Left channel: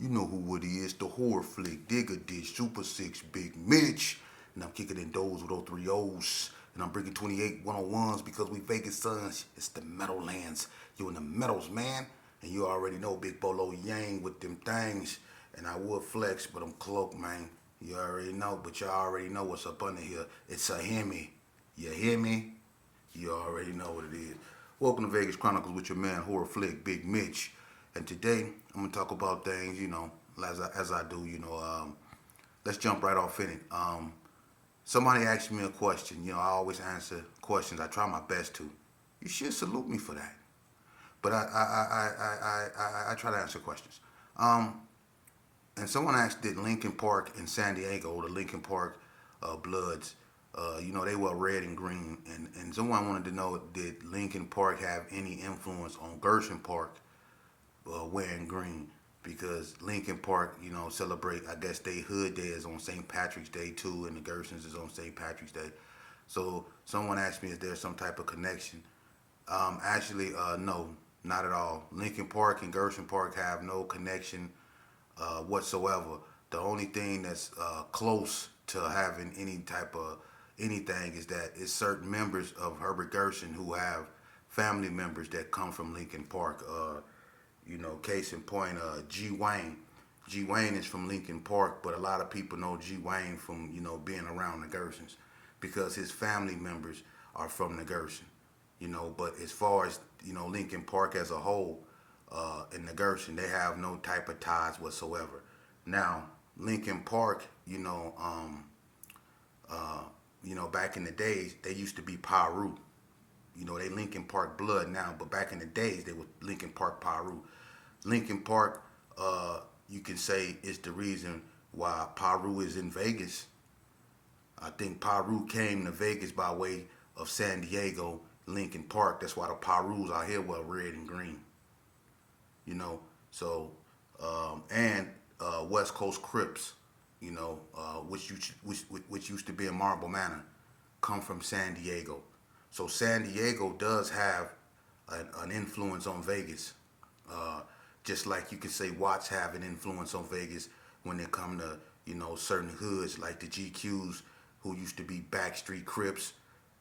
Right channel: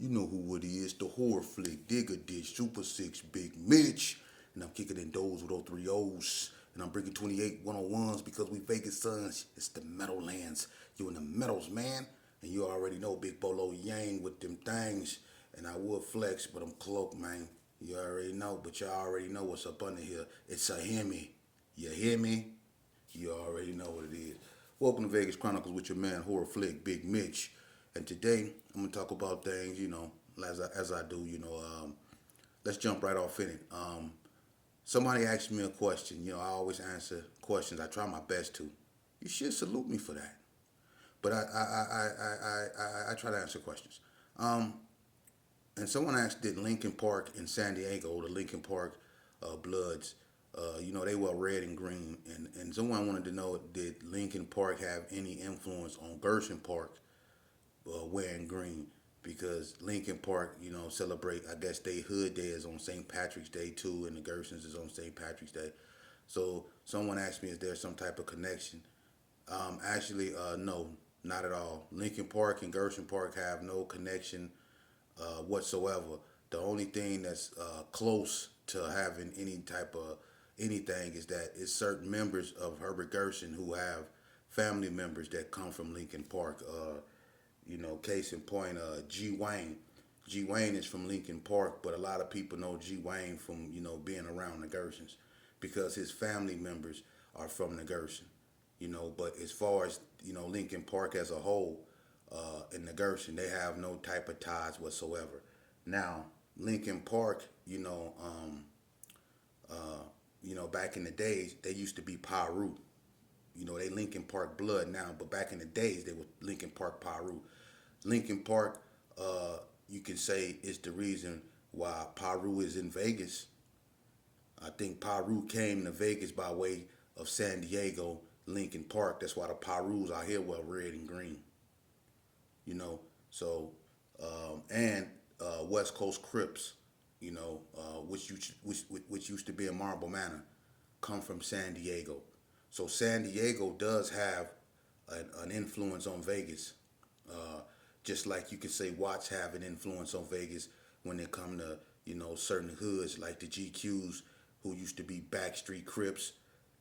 You know who it is, the horror flick, Digger Ditch, Super 6, Big Mitch. And I'm kicking in those with 03 O's. And I'm bringing 28 101s because we Vegas sons. It's the Meadowlands. You in the Meadows, man. And you already know Big Bolo Yang with them things. And I would flex, but I'm cloaked, man. You already know, but you already know what's up under here. It's a Hemi. You hear me? You already know what it is. Welcome to Vegas Chronicles with your man, horror flick, Big Mitch. And today, I'm going to talk about things, as I do, let's jump right off in it. Somebody asked me a question. I always answer questions. I try my best to. You should salute me for that. But I try to answer questions. And someone asked, did Linkin Park in San Diego, the Linkin Park Bloods, they were red and green. And someone wanted to know, did Linkin Park have any influence on Gerson Park wearing green? Because Linkin Park, celebrate, I guess, they hood day is on St. Patrick's Day too, and the Gersons is on St. Patrick's Day. So someone asked me, is there some type of connection? No, not at all. Linkin Park and Gerson Park have no connection whatsoever. The only thing that's close to having any type of anything is that it's certain members of Herbert Gerson who have family members that come from Linkin Park. Case in point, G Wayne. G Wayne is from Linkin Park, but a lot of people know G Wayne from being around the Gersons because his family members are from the Gerson. But as far as Linkin Park as a whole, in the Gerson, they have no type of ties whatsoever. Now, Linkin Park, back in the days, they used to be Paru. They Linkin Park blood now, but back in the days, they were Linkin Park Paru. Linkin Park, you can say, is the reason why Paru is in Vegas. I think Paru came to Vegas by way of San Diego, Linkin Park. That's why the Parus out here were red and green. So and West Coast Crips, which used to be in Marble Manor, come from San Diego. So San Diego does have an influence on Vegas, just like you could say Watts have an influence on Vegas when it come to certain hoods like the GQs, who used to be Backstreet Crips,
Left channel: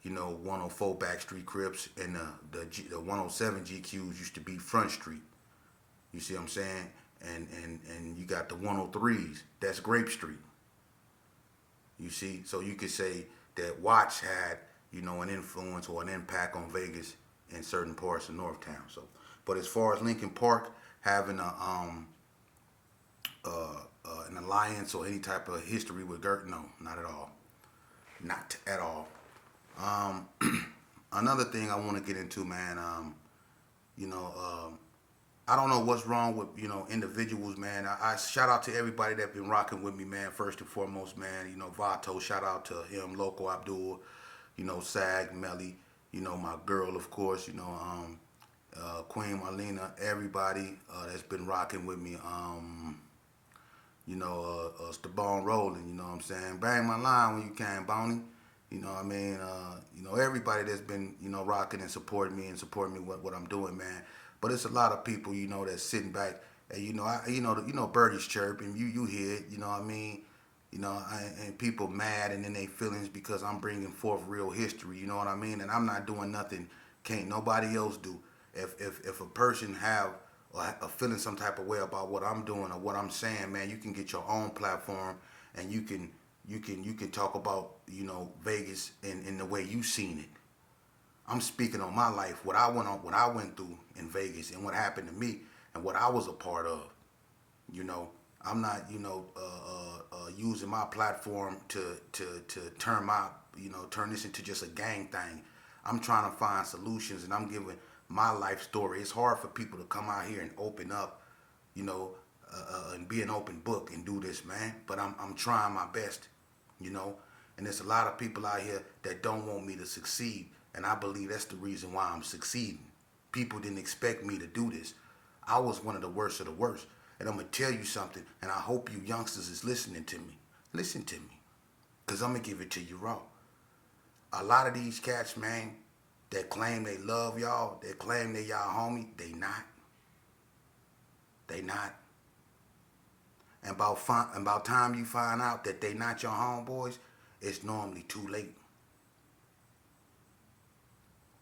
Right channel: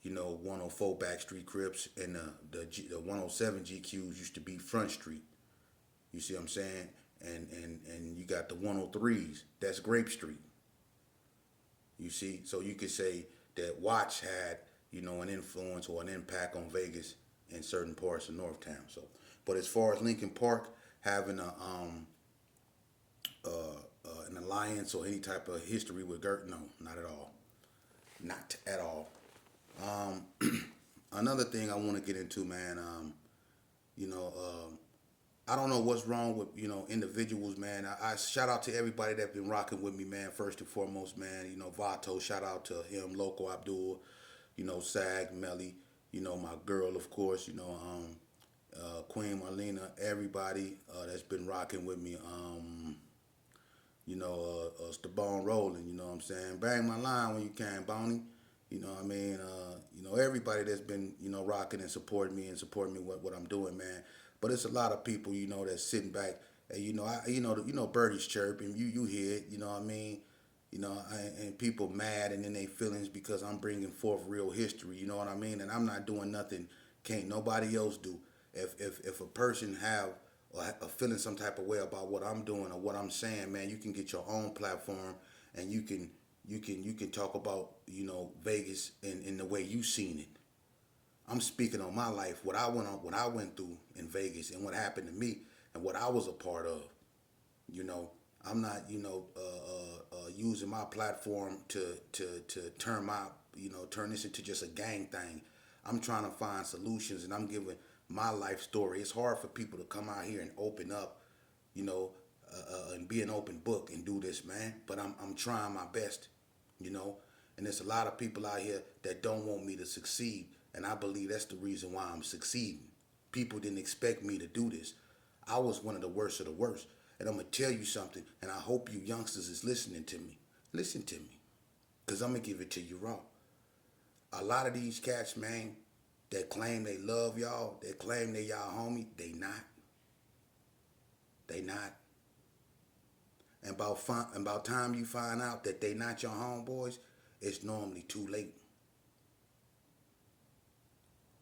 104 Backstreet Crips, and the 107 GQs used to be Front Street. You see what I'm saying? And you got the 103s, that's Grape Street. You see, so you could say that Watts had an influence or an impact on Vegas in certain parts of Northtown. So, but as far as Linkin Park having an alliance or any type of history with Gert, no, not at all, not at all. Another thing I want to get into, man. I don't know what's wrong with individuals, man. I shout out to everybody that been rocking with me, man. First and foremost, man. Vato, shout out to him, Loco Abdul, Sag, Melly, my girl, of course, Queen Marlena, everybody that's been rocking with me. Stabone rolling, you know what I'm saying? Bang my line when you can, Boney. You know what I mean? Everybody that's been, rocking and supporting me what I'm doing, man. But it's a lot of people, that's sitting back and birdies chirping, you hear it, you know what I mean? And people mad and in their feelings because I'm bringing forth real history, you know what I mean? And I'm not doing nothing, can't nobody else do. If a person have a feeling some type of way about what I'm doing or what I'm saying, man, you can get your own platform and you can talk about, Vegas in the way you seen it. I'm speaking on my life, what I went through in Vegas and what happened to me and what I was a part of. I'm not, using my platform to turn this into just a gang thing. I'm trying to find solutions and I'm giving my life story. It's hard for people to come out here and open up, and be an open book and do this, man. But I'm trying my best, And there's a lot of people out here that don't want me to succeed. And I believe that's the reason why I'm succeeding. People didn't expect me to do this. I was one of the worst of the worst. And I'm going to tell you something, and I hope you youngsters is listening to me. Listen to me, because I'm going to give it to you raw. A lot of these cats, man, that claim they love y'all, that claim they y'all homie, they not. They not. And about time you find out that they not your homeboys, it's normally too late.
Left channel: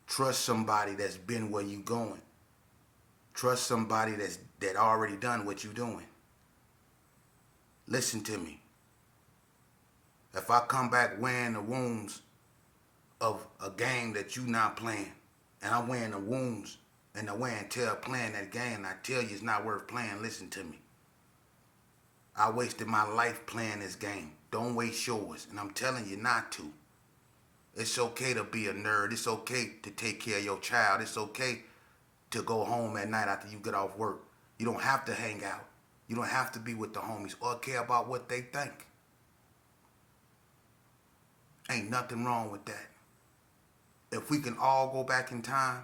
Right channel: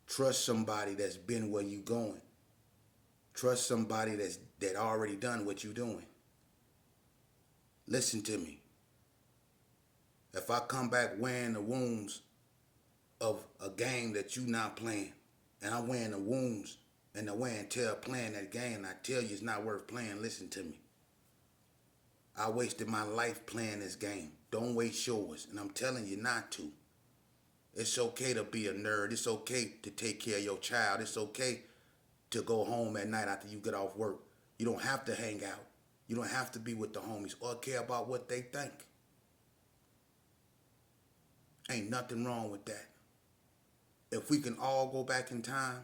Trust somebody that's been where you going. Trust somebody that already done what you doing. Listen to me. If I come back wearing the wounds of a game that you not playing, and I'm wearing the wounds and the wear and tear playing that game, and I tell you it's not worth playing, listen to me. I wasted my life playing this game. Don't waste yours, and I'm telling you not to. It's okay to be a nerd. It's okay to take care of your child. It's okay to go home at night after you get off work. You don't have to hang out. You don't have to be with the homies or care about what they think. Ain't nothing wrong with that. If we can all go back in time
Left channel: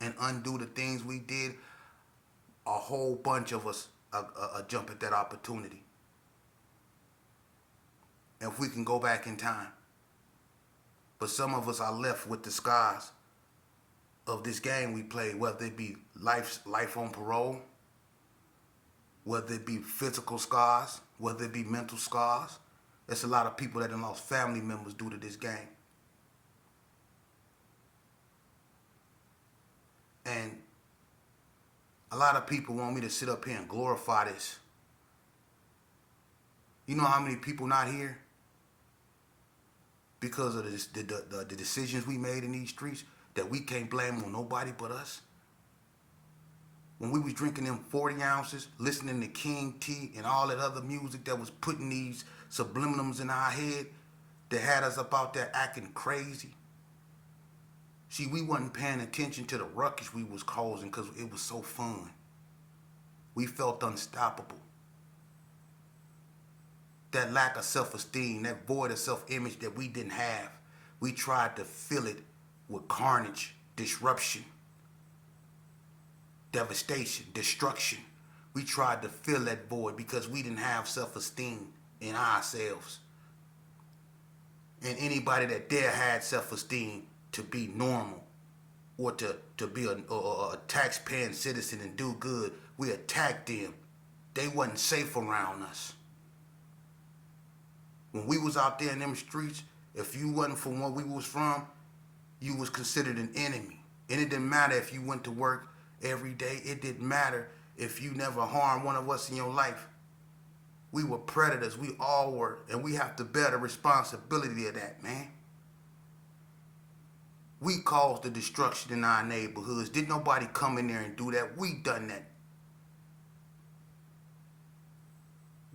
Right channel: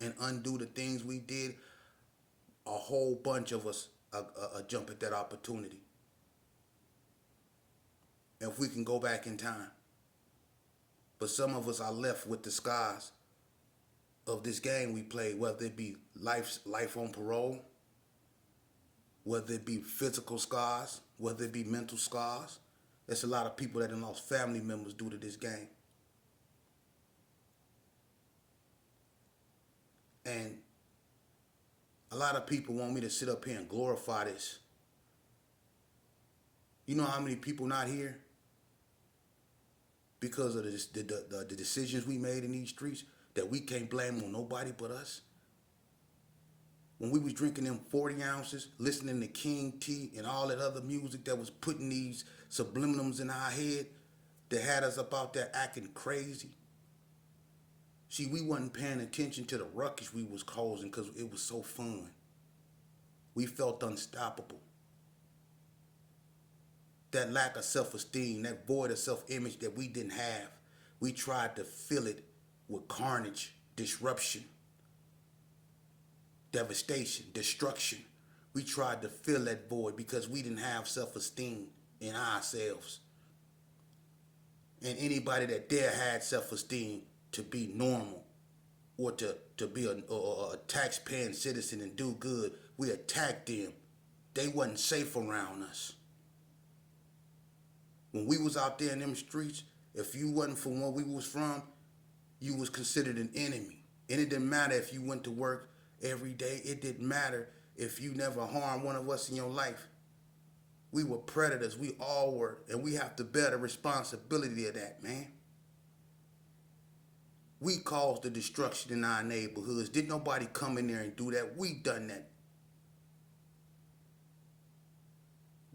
and undo the things we did, a whole bunch of us jump at that opportunity. If we can go back in time. But some of us are left with the scars of this game we played, whether it be life on parole, whether it be physical scars, whether it be mental scars. There's a lot of people that have lost family members due to this game. And a lot of people want me to sit up here and glorify this. You know how many people not here because of the decisions we made in these streets that we can't blame on nobody but us? When we was drinking them 40 ounces, listening to King T and all that other music that was putting these subliminals in our head that had us up out there acting crazy. See, we wasn't paying attention to the ruckus we was causing because it was so fun. We felt unstoppable. That lack of self-esteem, that void of self-image that we didn't have, we tried to fill it with carnage, disruption, devastation, destruction. We tried to fill that void because we didn't have self-esteem in ourselves. And anybody that dare had self-esteem to be normal or to be a tax-paying citizen and do good, we attacked them. They wasn't safe around us. When we was out there in them streets, if you wasn't from where we was from, you was considered an enemy. And it didn't matter if you went to work every day. It didn't matter if you never harmed one of us in your life. We were predators. We all were. And we have to bear the responsibility of that, man. We caused the destruction in our neighborhoods. Didn't nobody come in there and do that. We done that.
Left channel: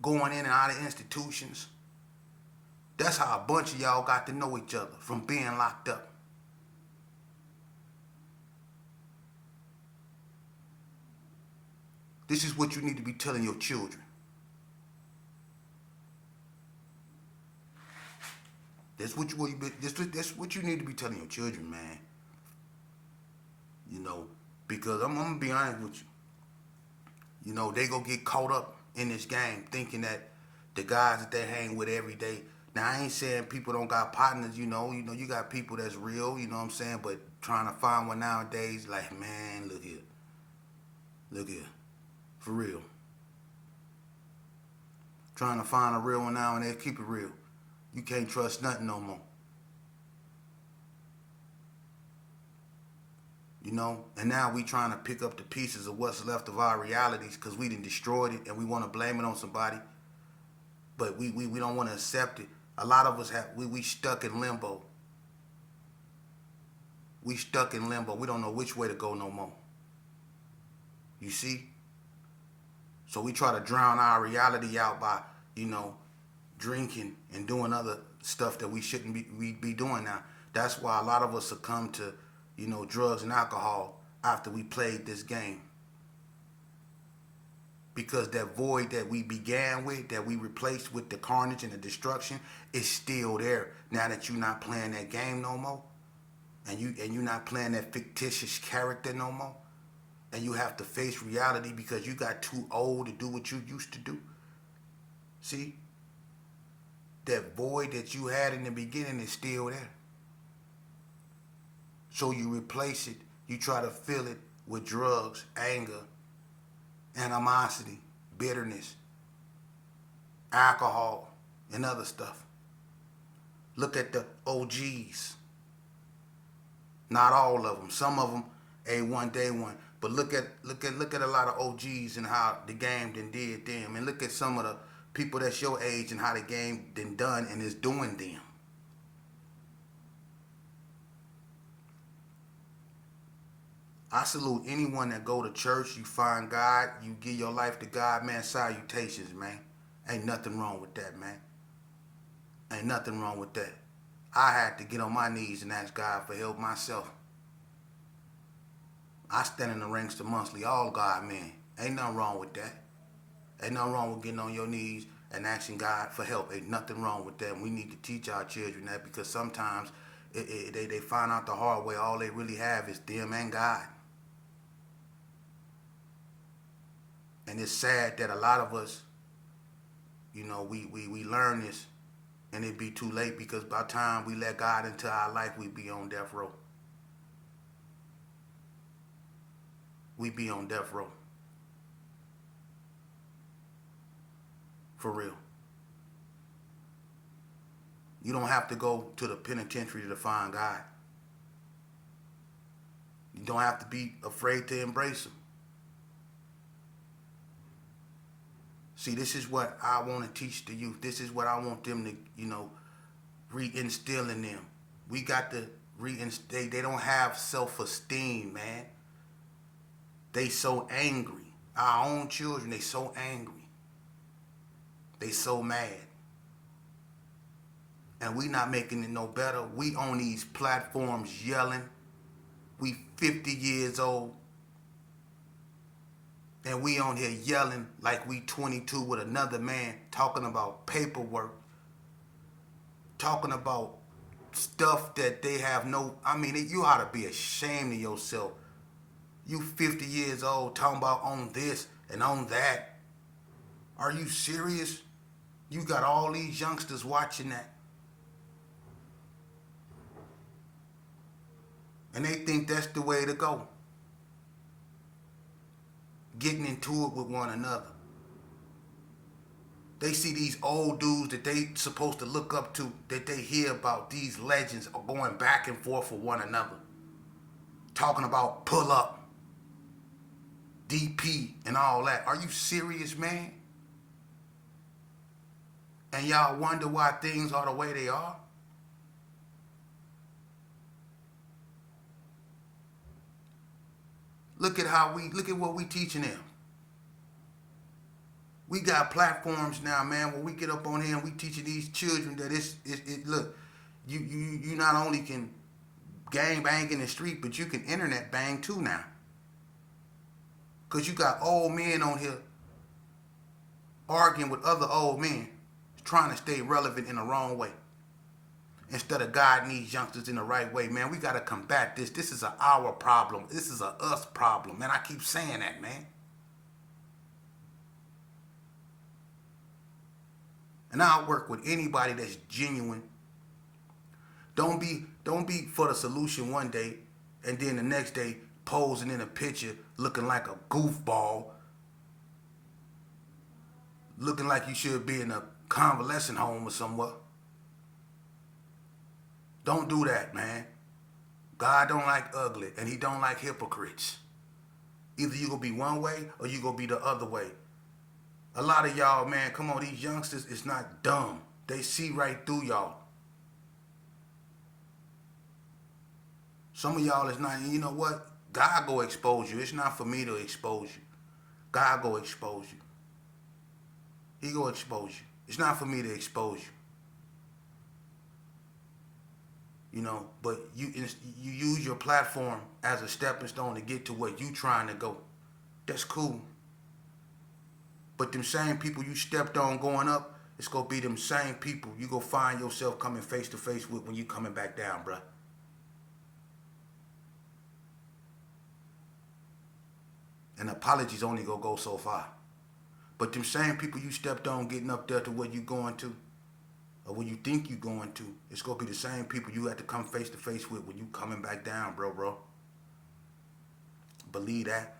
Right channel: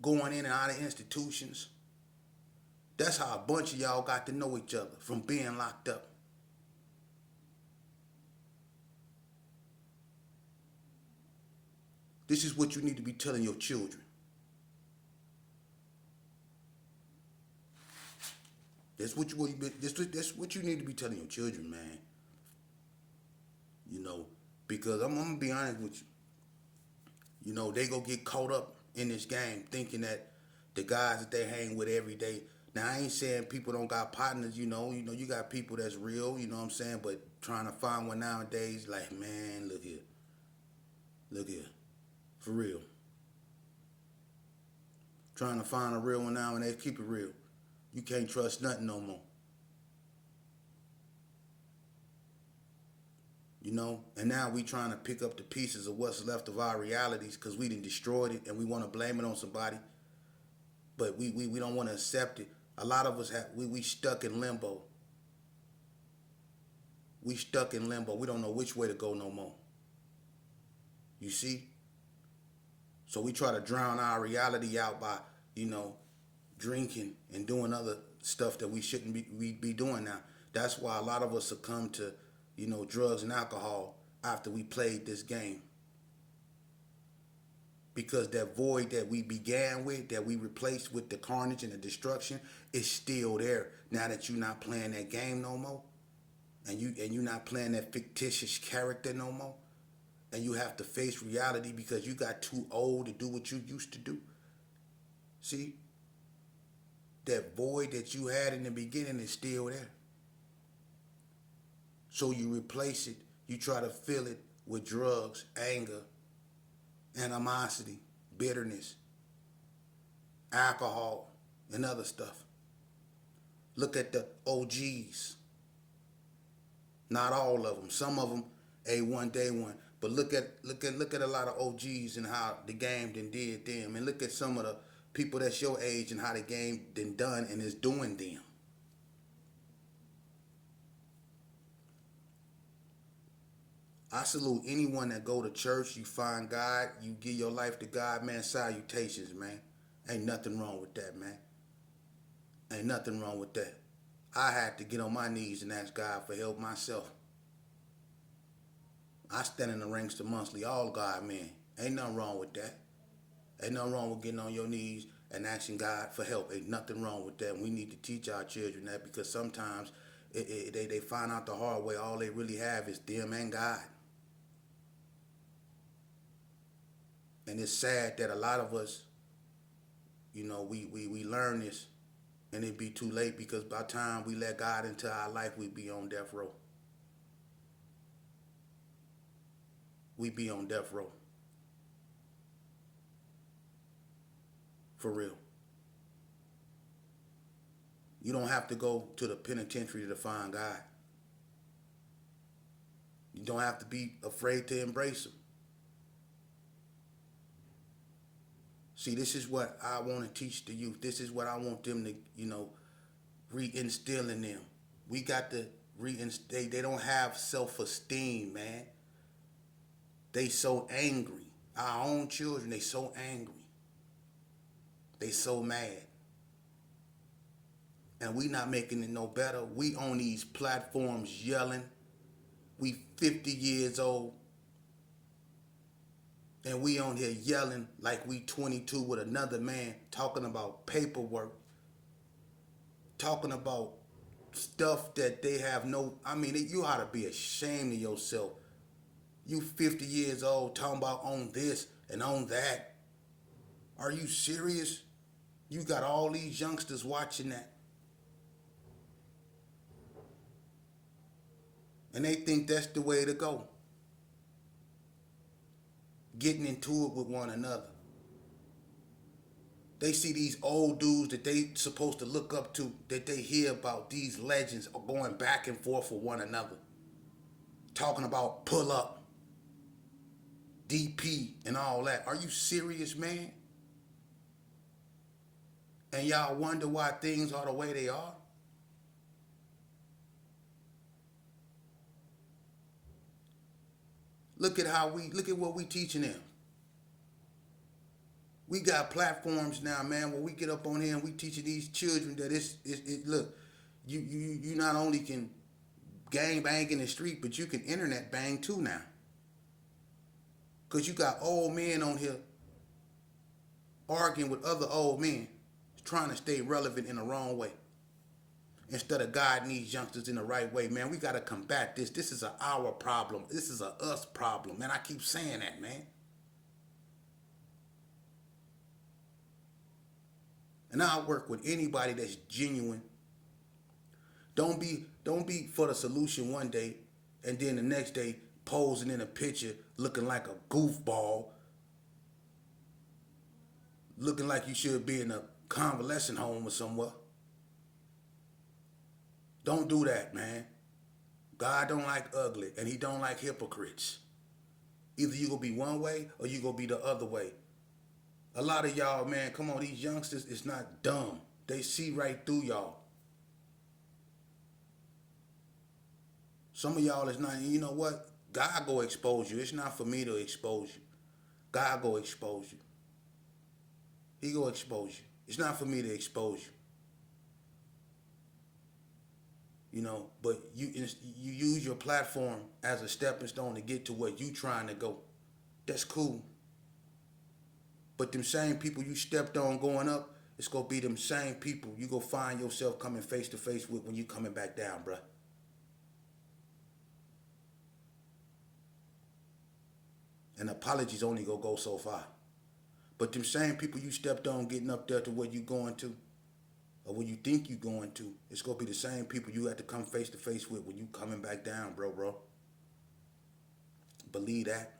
Going in and out of institutions. That's how a bunch of y'all got to know each other, from being locked up. This is what you need to be telling your children. That's what you need to be telling your children, man. You know, because I'm gonna be honest with you. You know, they gonna get caught up in this game thinking that the guys that they hang with every day. Now, I ain't saying people don't got partners, you know, you got people that's real, you know what I'm saying? But trying to find one nowadays, like, man, look here. For real. Trying to find a real one nowadays, keep it real. You can't trust nothing no more. You know, and now we trying to pick up the pieces of what's left of our realities because we done destroyed it and we want to blame it on somebody. But we don't want to accept it. A lot of us we stuck in limbo. We stuck in limbo. We don't know which way to go no more. You see? So we try to drown our reality out by, you know, drinking and doing other stuff that we shouldn't be doing now. That's why a lot of us succumb to, you know, drugs and alcohol after we played this game. Because that void that we began with, that we replaced with the carnage and the destruction, is still there. Now that you're not playing that game no more, and you're not playing that fictitious character no more, and you have to face reality because you got too old to do what you used to do. See? That void that you had in the beginning is still there. So you replace it, you try to fill it with drugs, anger, animosity, bitterness, alcohol, and other stuff. Look at the OGs. Not all of them. Some of them A1 day one. But look at a lot of OGs and how the game did them. And look at some of the people that's your age and how the game done and is doing them. I salute anyone that go to church, you find God, you give your life to God, man, salutations, man. Ain't nothing wrong with that, man. Ain't nothing wrong with that. I had to get on my knees and ask God for help myself. I stand in the ranks amongst all God, man. Ain't nothing wrong with that. Ain't nothing wrong with getting on your knees and asking God for help. Ain't nothing wrong with that. And we need to teach our children that because sometimes they find out the hard way. All they really have is them and God. And it's sad that a lot of us, you know, we learn this and it be too late because by the time we let God into our life, we be on death row. We be on death row. For real. You don't have to go to the penitentiary to find God. You don't have to be afraid to embrace Him. See, this is what I want to teach the youth. This is what I want them to, you know, reinstill in them. We got to reinstate. They don't have self-esteem, man. They so angry. Our own children, they so angry. They so mad. And we not making it no better. We on these platforms yelling. We 50 years old. And we on here yelling like we 22 with another man talking about paperwork. Talking about stuff that they have no... I mean, you ought to be ashamed of yourself. You 50 years old talking about on this and on that. Are you serious? You got all these youngsters watching that. And they think that's the way to go. Getting into it with one another. They see these old dudes that they supposed to look up to, that they hear about, these legends are going back and forth with one another. Talking about pull up, DP, and all that. Are you serious, man? And y'all wonder why things are the way they are? Look at what we teaching them. We got platforms now, man, where we get up on here and we teaching these children that look, you not only can gang bang in the street, but you can internet bang too now. Because you got old men on here arguing with other old men, trying to stay relevant in the wrong way. Instead of guiding these youngsters in the right way, man, we got to combat this. This is our problem. This is a us problem. Man, I keep saying that, man. And I'll work with anybody that's genuine. Don't be for the solution one day and then the next day posing in a picture looking like a goofball. Looking like you should be in a convalescent home or somewhere. Don't do that, man. God don't like ugly, and He don't like hypocrites. Either you gonna be one way or you gonna be the other way. A lot of y'all, man, come on, these youngsters is not dumb. They see right through y'all. Some of y'all is not, you know what? God go expose you. It's not for me to expose you. God go expose you. He go expose you. It's not for me to expose you. You know, but you use your platform as a stepping stone to get to where you trying to go. That's cool. But them same people you stepped on going up, it's going to be them same people you go find yourself coming face to face with when you coming back down, bruh. And apologies only going to go so far. But them same people you stepped on getting up there to where you going to, or where you think you going to, it's going to be the same people you had to come face to face with when you coming back down, bro. Believe that.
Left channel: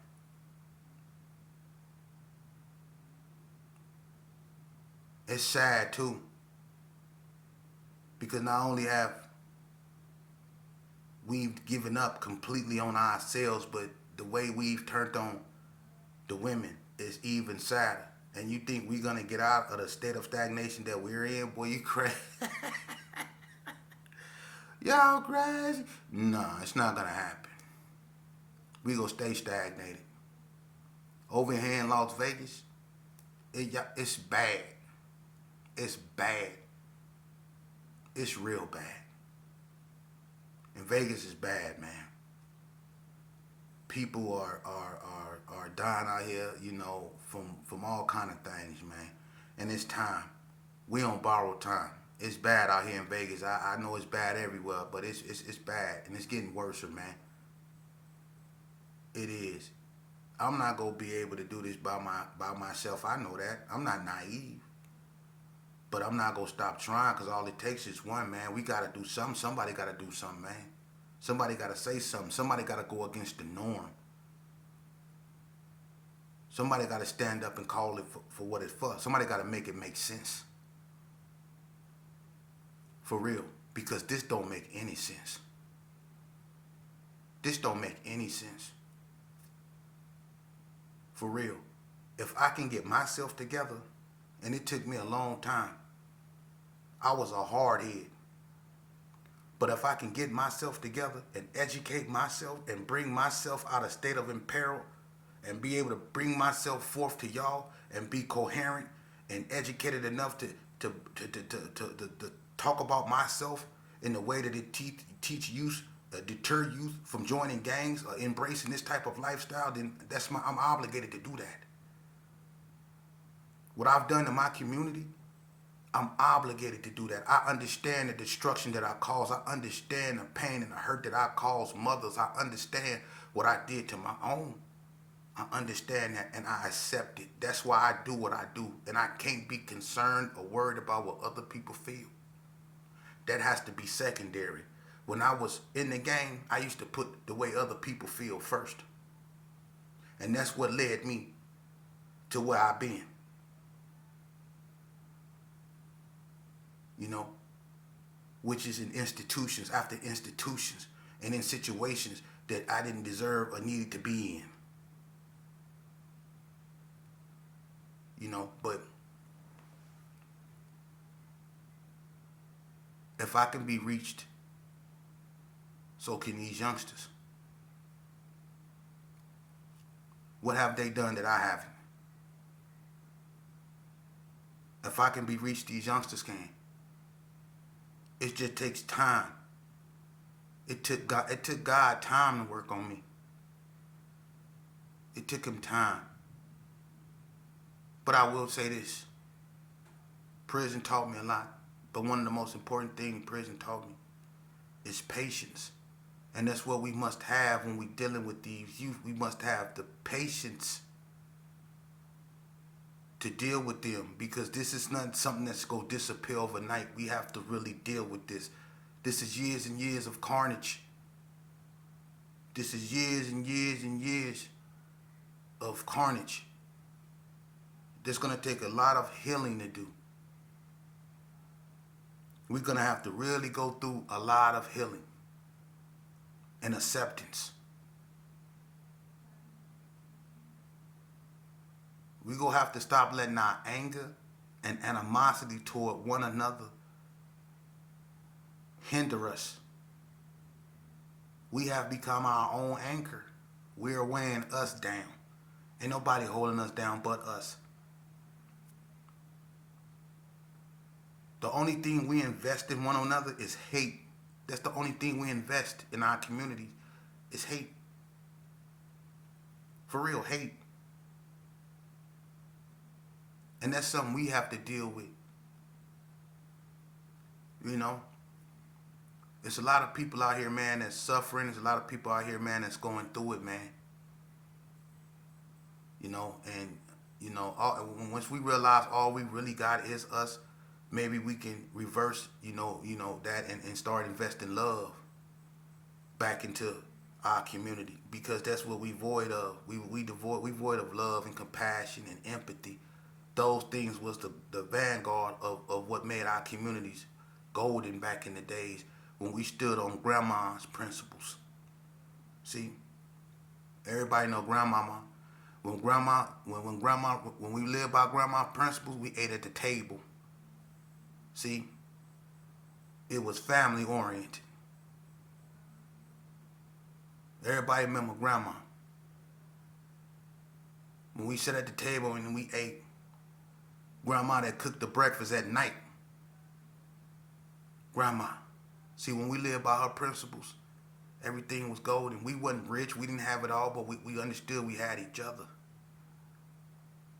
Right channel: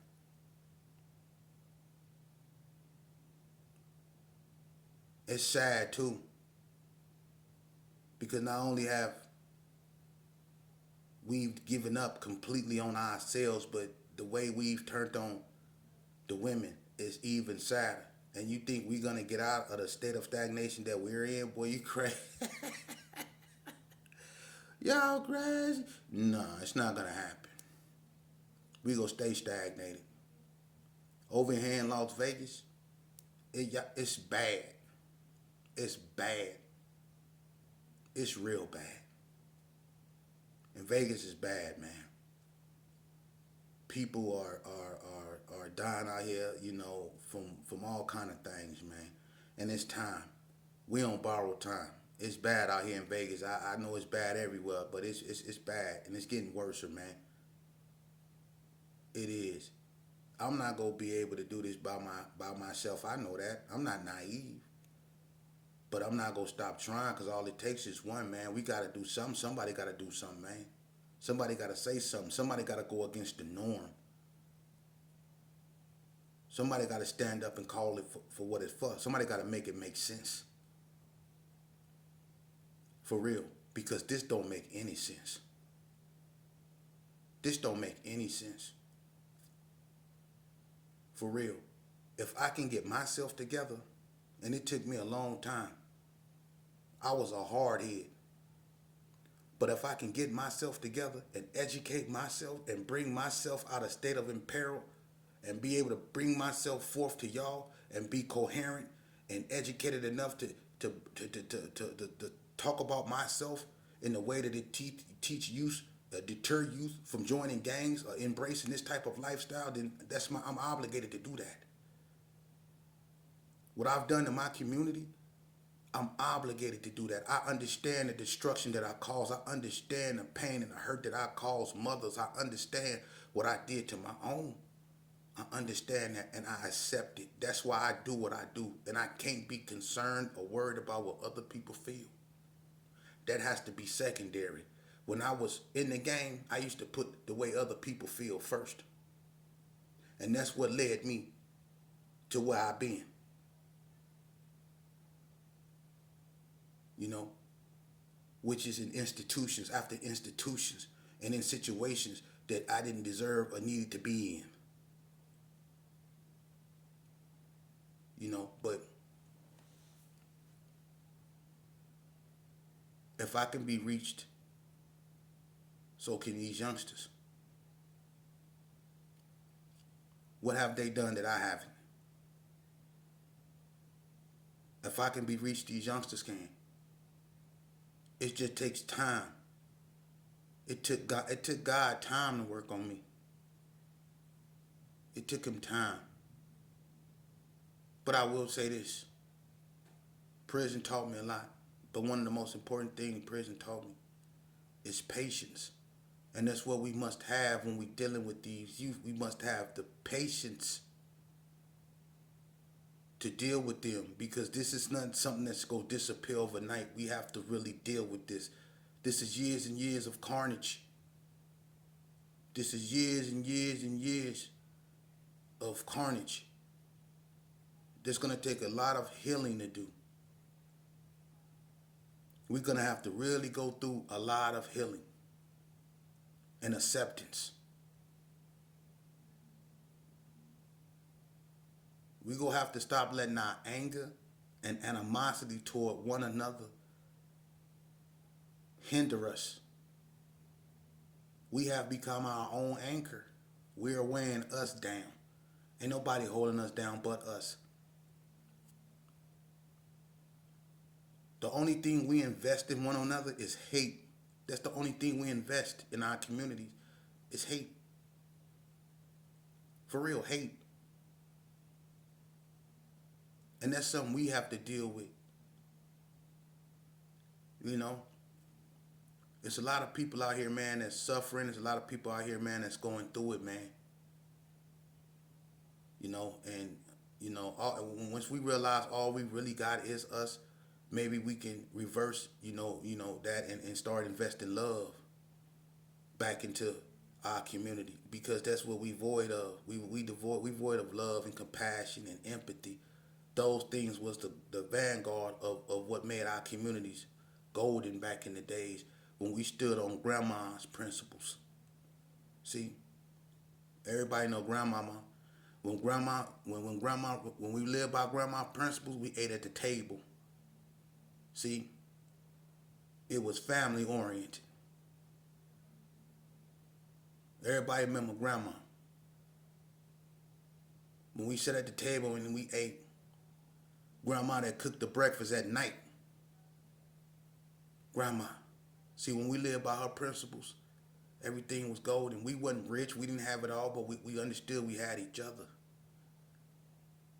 It's sad too, because not only have we've given up completely on ourselves, but the way we've turned on the women is even sadder. And you think we're gonna get out of the state of stagnation that we're in? Boy, you crazy. Y'all crazy? Nah, it's not gonna happen. We gonna stay stagnated. Over here in Las Vegas, it's bad. It's bad. It's real bad. And Vegas is bad, man. People are dying out here, from all kind of things, man. And it's time. We on borrowed time. It's bad out here in Vegas. I know it's bad everywhere, but it's bad and it's getting worse, man. It is. I'm not gonna be able to do this by myself. I know that. I'm not naive. But I'm not gonna stop trying, because all it takes is one, man. We gotta do something. Somebody gotta do something, man. Somebody gotta say something. Somebody gotta go against the norm. Somebody gotta stand up and call it for what it's for. Somebody gotta make it make sense. For real. Because this don't make any sense. This don't make any sense. For real. If I can get myself together, and it took me a long time. I was a hard head. But if I can get myself together and educate myself and bring myself out of state of imperil and be able to bring myself forth to y'all and be coherent and educated enough to talk about myself in the way that it teach youth, deter youth from joining gangs or embracing this type of lifestyle, then I'm obligated to do that. What I've done to my community, I'm obligated to do that. I understand the destruction that I cause. I understand the pain and the hurt that I cause mothers. I understand what I did to my own. I understand that and I accept it. That's why I do what I do. And I can't be concerned or worried about what other people feel. That has to be secondary. When I was in the game, I used to put the way other people feel first. And that's what led me to where I've been. Which is in institutions after institutions and in situations that I didn't deserve or needed to be in. But if I can be reached, so can these youngsters. What have they done that I haven't? If I can be reached, these youngsters can. It just takes time. It took God time to work on me. It took him time. But I will say this. Prison taught me a lot. But one of the most important things prison taught me is patience. And that's what we must have when we're dealing with these youth. We must have the patience to deal with them, because this is not something that's going to disappear overnight. We have to really deal with this. This is years and years of carnage. This is years and years and years of carnage. There's going to take a lot of healing to do. We're going to have to really go through a lot of healing and acceptance. We're going to have to stop letting our anger and animosity toward one another hinder us. We have become our own anchor. We're weighing us down. Ain't nobody holding us down but us. The only thing we invest in one another is hate. That's the only thing we invest in our community is hate. For real, hate. And that's something we have to deal with. There's a lot of people out here, man, that's suffering. There's a lot of people out here, man, that's going through it, man. Once we realize all we really got is us, maybe we can reverse, that and start investing love back into our community, because that's what we void of. We void of love and compassion and empathy. Those things was the vanguard of what made our communities golden back in the days when we stood on grandma's principles. See, everybody know grandmama. When we lived by grandma's principles, we ate at the table. See, it was family oriented. Everybody remember grandma. When we sat at the table and we ate, grandma that cooked the breakfast at night. Grandma. See, when we lived by her principles, everything was golden. We wasn't rich. We didn't have it all, but we understood we had each other.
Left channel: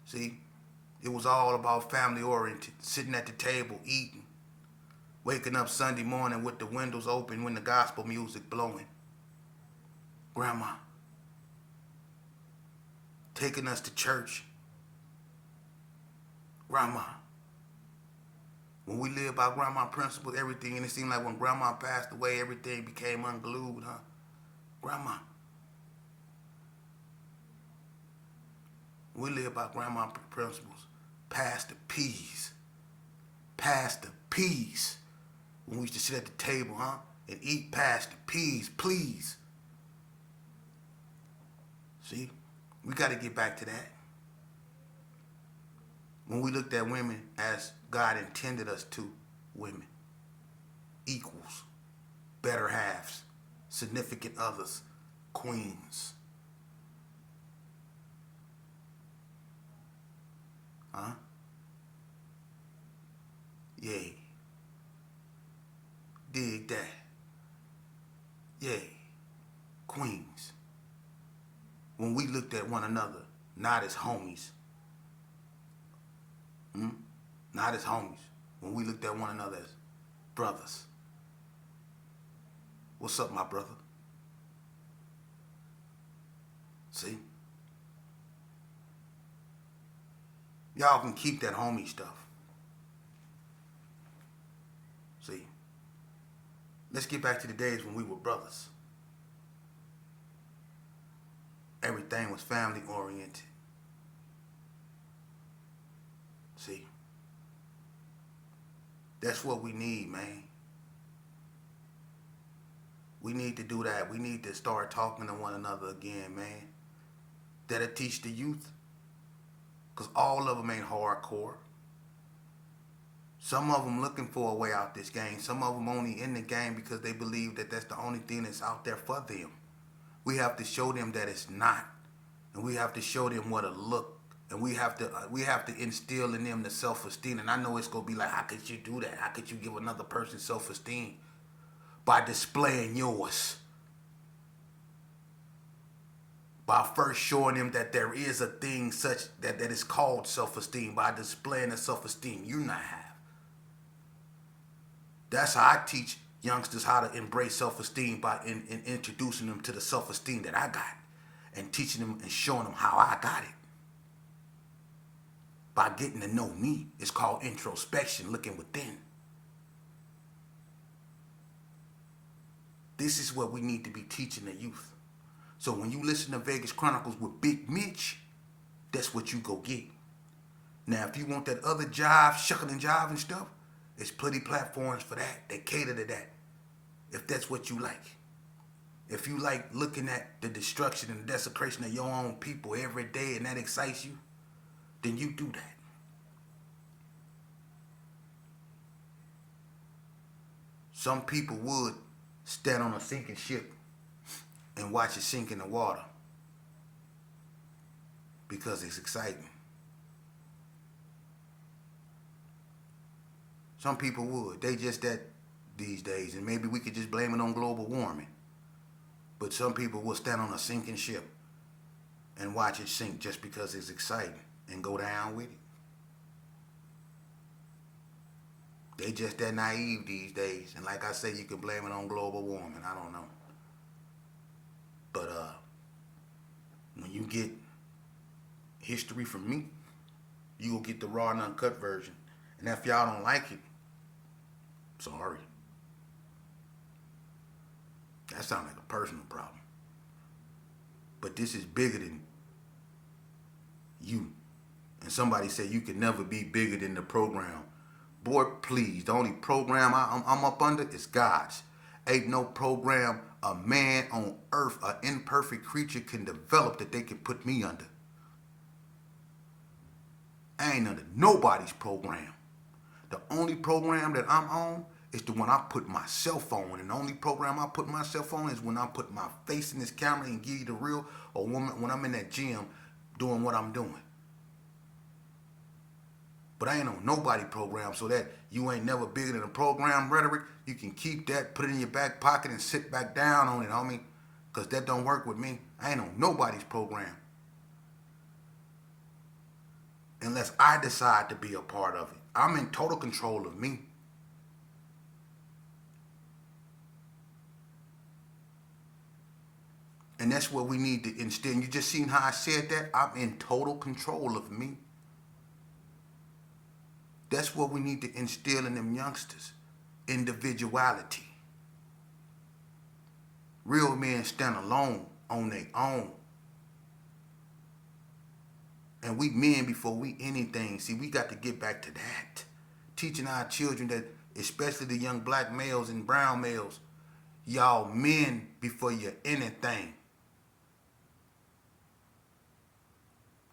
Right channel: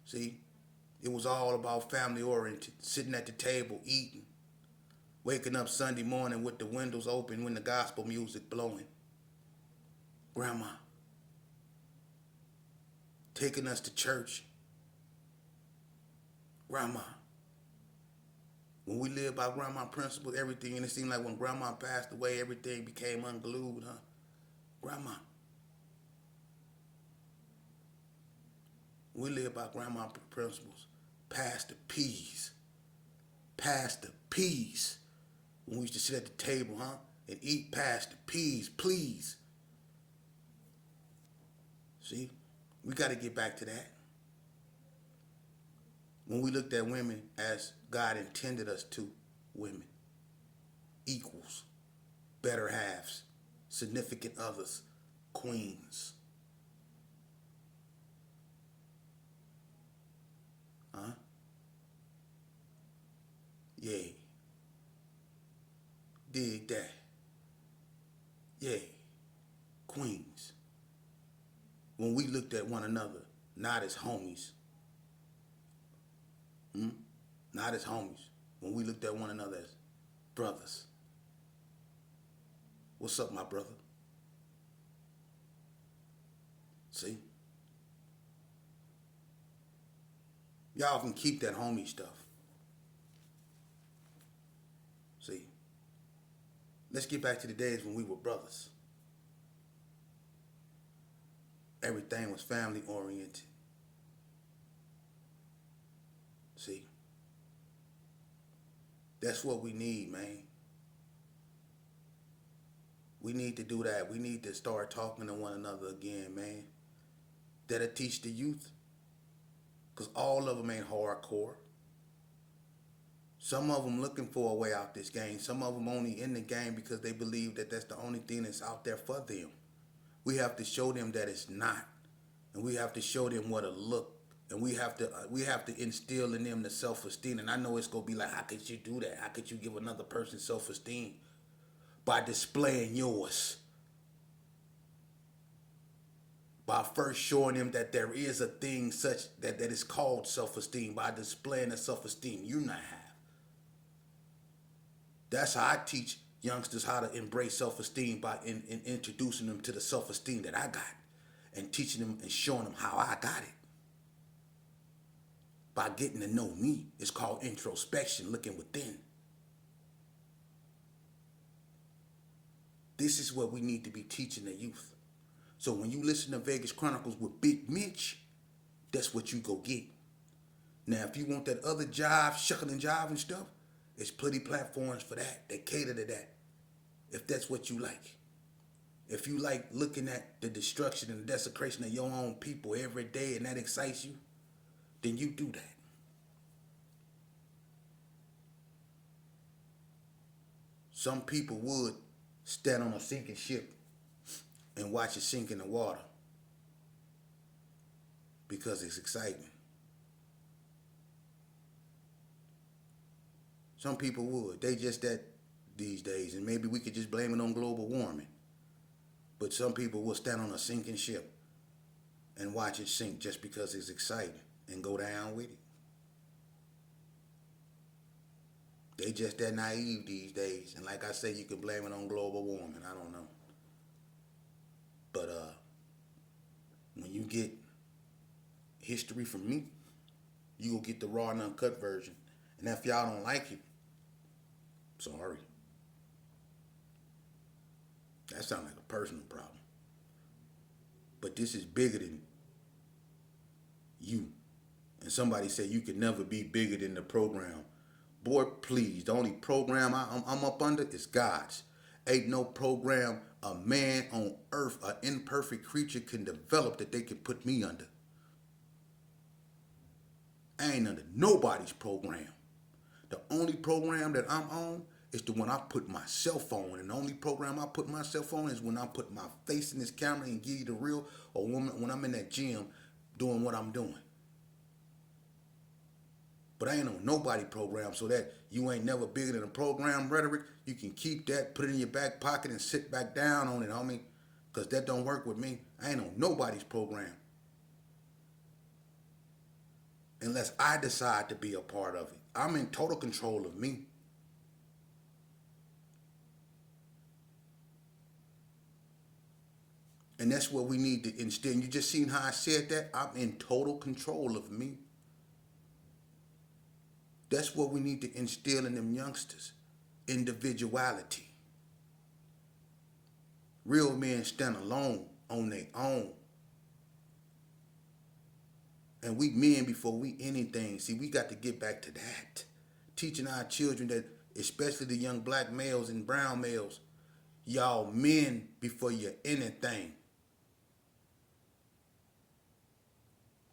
See, it was all about family oriented, sitting at the table, eating, waking up Sunday morning with the windows open when the gospel music blowing. Grandma. Taking us to church. Grandma. When we lived by grandma principles, everything, and it seemed like when grandma passed away, everything became unglued, huh? Grandma. We lived by grandma principles. Pass the peas. Pass the peas. When we used to sit at the table, huh? And eat past the peas, please. See? We got to get back to that. When we looked at women as God intended us to, women, equals, better halves, significant others, queens. Huh? Yay. Dig that. Yay. Queens. When we looked at one another, not as homies. Not as homies. When we looked at one another as brothers. What's up, my brother? See? Y'all can keep that homie stuff. See? Let's get back to the days when we were brothers. Everything was family oriented. See? That's what we need, man. We need to do that. We need to start talking to one another again, man. That'll teach the youth. Because all of them ain't hardcore. Some of them looking for a way out this game. Some of them only in the game because they believe that that's the only thing that's out there for them. We have to show them that it's not. And we have to show them what it look. And we have to instill in them the self-esteem. And I know it's going to be like, how could you do that? How could you give another person self-esteem? By displaying yours. By first showing them that there is a thing such that is called self-esteem. By displaying the self-esteem you not have. That's how I teach youngsters how to embrace self-esteem, by in introducing them to the self-esteem that I got. And teaching them and showing them how I got it. By getting to know me. It's called introspection, looking within. This is what we need to be teaching the youth. So when you listen to Vegas Chronicles with Big Mitch, that's what you go get. Now, if you want that other jive, shucking and jive and stuff, there's plenty platforms for that. They cater to that. If that's what you like. If you like looking at the destruction and the desecration of your own people every day and that excites you, then you do that. Some people would stand on a sinking ship and watch it sink in the water because it's exciting. Some people would. They just that these days, and maybe we could just blame it on global warming. But some people will stand on a sinking ship and watch it sink just because it's exciting and go down with it. They just that naive these days. And like I said, you can blame it on global warming. I don't know. But when you get history from me, you will get the raw and uncut version. And if y'all don't like it, sorry. That sounds like a personal problem. But this is bigger than you And somebody said you can never be bigger than the program. Boy, please, the only program I'm up under is God's. Ain't no program a man on earth, an imperfect creature, can develop that they can put me under. I ain't under nobody's program. The only program that I'm on is the one I put myself on. And the only program I put myself on is when I put my face in this camera and give you the real, or when I'm in that gym doing what I'm doing. But I ain't on nobody program, so that you ain't never bigger than a program rhetoric, you can keep that, put it in your back pocket, and sit back down on it, homie. Because that don't work with me. I ain't on nobody's program. Unless I decide to be a part of it. I'm in total control of me. And that's what we need to instill. You just seen how I said that? I'm in total control of me. That's what we need to instill in them youngsters. Individuality. Real men stand alone on their own. And we men before we anything. See, we got to get back to that. Teaching our children that, especially the young black males and brown males, y'all men before you're anything.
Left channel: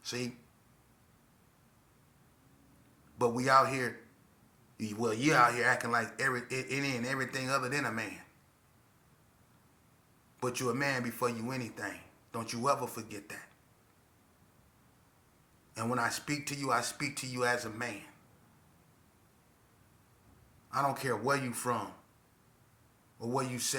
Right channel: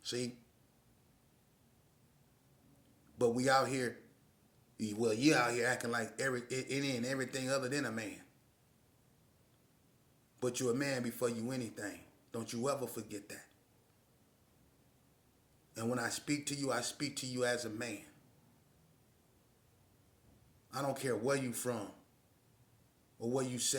See? But we out here, well, you out here acting like any and everything other than a man. But you're a man before you anything. Don't you ever forget that. And when I speak to you as a man. I don't care where you from or where you say